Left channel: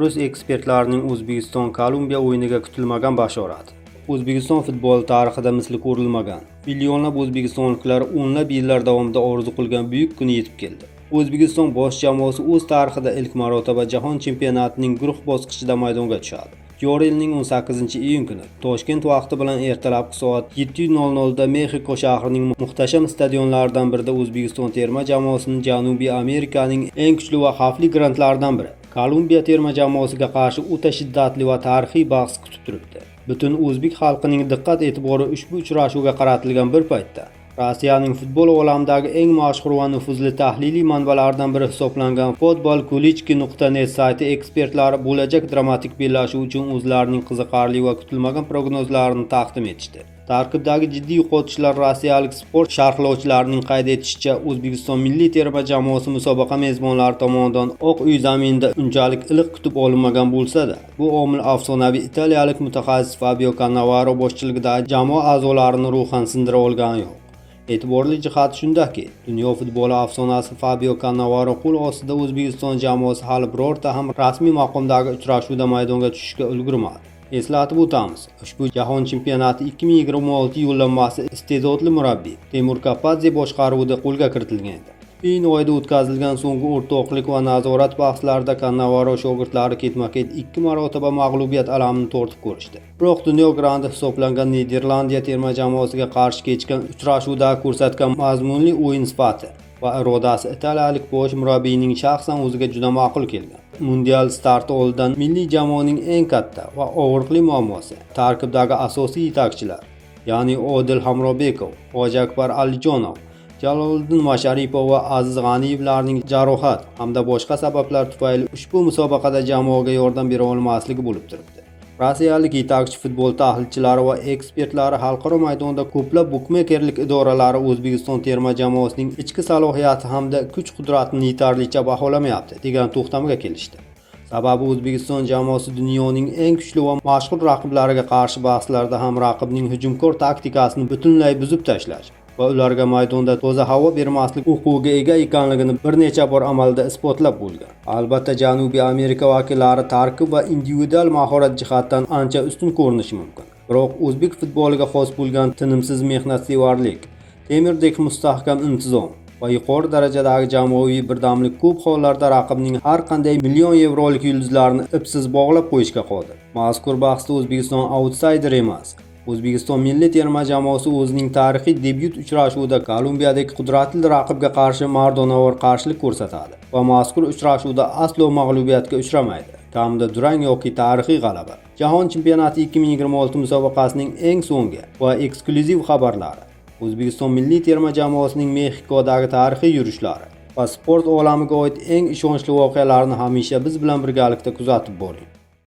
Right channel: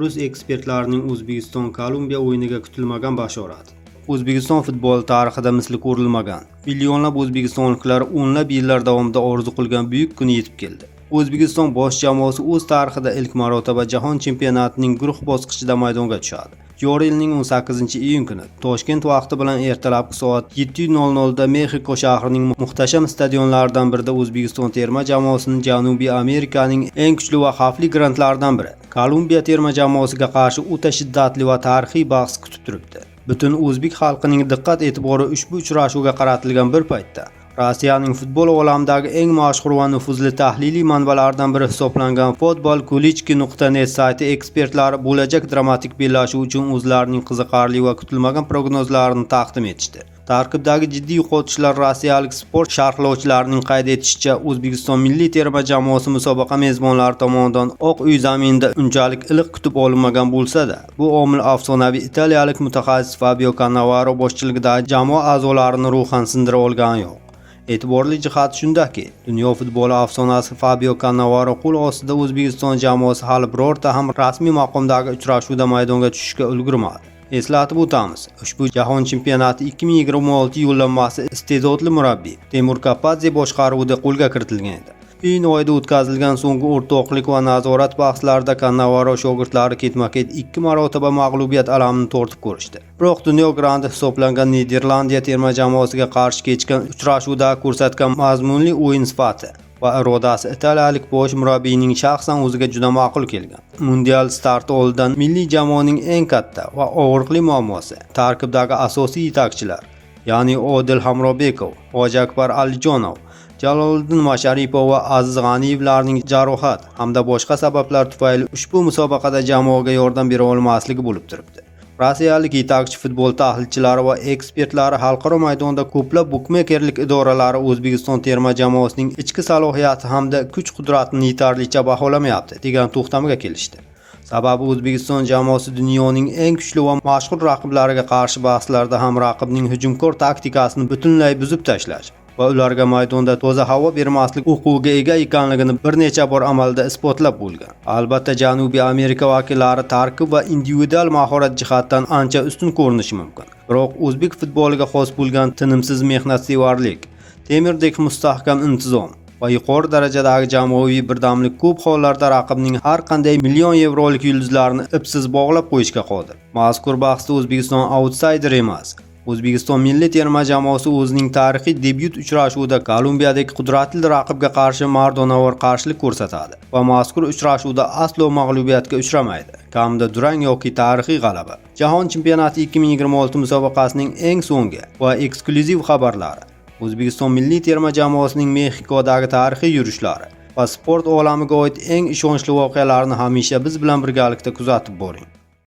Rus ekspertlarining O'zbekiston-Kolumbiya o'yiniga kutilmagan bashorat. O'zbekiston futboli tarixida misli ko'rilmagan, millionlab o'zbekistonliklar o'nlab yillar davomida orzu qilgan buyuk kun yetib keldi. O'zbekiston bosh jamoasi o'z tarixida ilk marotaba Jahon chempionatining guruh bosqichida maydonga tushadi. Joriy yilning 18-iyun kuni Toshkent vaqti bilan ertalabki soat 7:00 da Mexiko shahrining muhtasham stadionlaridan birida O'zbekiston terma jamoasining Janubiy Amerikaning eng kuchli va xavfli grantlaridan biri Kolumbiya terma jamoasiga qarshi o'ta shiddatli va tarixiy bahs kutib turibdi. Butun o'zbek xalqining diqqat e'tibori ushbu uchrashuvga qaratilgan bir paytda Rossiyaning futbol olamidagi eng mashhur va nufuzli tahliliy manbalardan biri hisoblangan futbolkulichki.net sayti ekspertlari bo'lajak dramatik bellashuv uchun o'zlarining qiziqarli va kutilmagan prognozlarini taqdim etishdi. Tarkibdagi jiddiy yo'qotishlar rossiyalik sport sharhlovchilarining qayd etishicha, O'zbekiston milliy terma jamoasi musobaqa mezbonlari tomonidan Oq uy zaminida unchalik iliq kutib olinmagan bo'lsa-da, bu omil afsonaviy italiyalik mutaxassis Fabio Cannavaro boshchiligidagi jamoa a'zolarini ruhan sindira olgani yo'q. E'tiborli jihat shundaki, dunyo futboli afsonasi Fabio Cannavaro qo'l ostida O'zbekiston jamoasi hali birorta ham rasmiy maqomdagi uchrashuvda maydonga tushishga ulgurmadi. Eslatib o'tamiz, ushbu jahon chempionati 2026 yo'llanmasi iste'dodli murabbiy Temur Kapadze boshqaruvida qo'lga kiritilgan edi. Iyun oyida o'tkazilgan so'nggi o'rtoqlik va nazorat bahslarida Cannavaro shogirdlari ketma-ket 2 marotaba mag'lubiyat alamini tortib ko'rishdi. Biroq dunyo grandi hisoblangan Niderlandiya terma jamoasiga qarshi kechgan uchrashuvda ko'rsatgan mazmunli o'yin sifati va irodasi italiyalik bosh murabbiyning shaxsan o'ziga juda ma'qul kelgan. Mundial starti oldidan milliy jamoaning eng katta va og'riqli muammosi tarkibdagi asosiy yetakchilar, ya'ni Odil Hamrobekov, Hojiakbar Alijonov, Jaloliddin Masharipov va Aziz G'aniyevlarning jarohat hamda boshqa sabablar tufayli ushbu musobaqada jamoaga yordam bera olmasligi bo'lib turibdi. Rossiyalik yetakchi futbol tahlilchilari va ekspertlari xalqaro maydonda ko'plab bukmekerlik idoralari O'zbekiston terma jamoasining ichki salohiyati hamda kuch-qudratini yetarlicha baholamayapti degan to'xtamga kelishdi. Sababi O'zbekiston jamoasi dunyoning eng kuchli va mashhur raqiblariga qarshi bahslarda ham raqibning hujumkor taktikasini butunlay buzib tashlash va ularga maydonda toza havo bermaslik huquqiga ega ekanligini bir necha bor amalda isbotlab bo'lgan. Albatta, Janubiy Amerika vakillari tarkib va individual mahorat jihatdan ancha ustun ko'rinishi mumkin. Biroq o'zbek futboliga xos bo'lgan tinimsiz mehnatsevarlik, temirdek mustahkam intizom va yuqori darajadagi jamoaviy birdamlik ko'p hollarda raqibning har qanday million yevrolik yulduzlarini ipsiz bog'lab qo'yishga qodir. Mazkur bahsda O'zbekiston outsider emas. O'zbekiston milliy terma jamoasi o'zining tarixiy debyut uchrashuvida Kolumbiyadagi qudratli raqibga qarshi mardonavor qarshilik ko'rsatadi va mazkur uchrashuvda aslo mag'lubiyatga uchramaydi. Kamida durang yoki tarixiy g'alaba. Jahon chempionati 2026 musobaqasining eng so'nggi va eksklyuziv xabarlari, O'zbekiston milliy terma jamoasining Mexikodagi tarixiy yurishlari va sport olamiga oid eng ishonchli voqealarni hamisha biz bilan birgalikda kuzatib boring.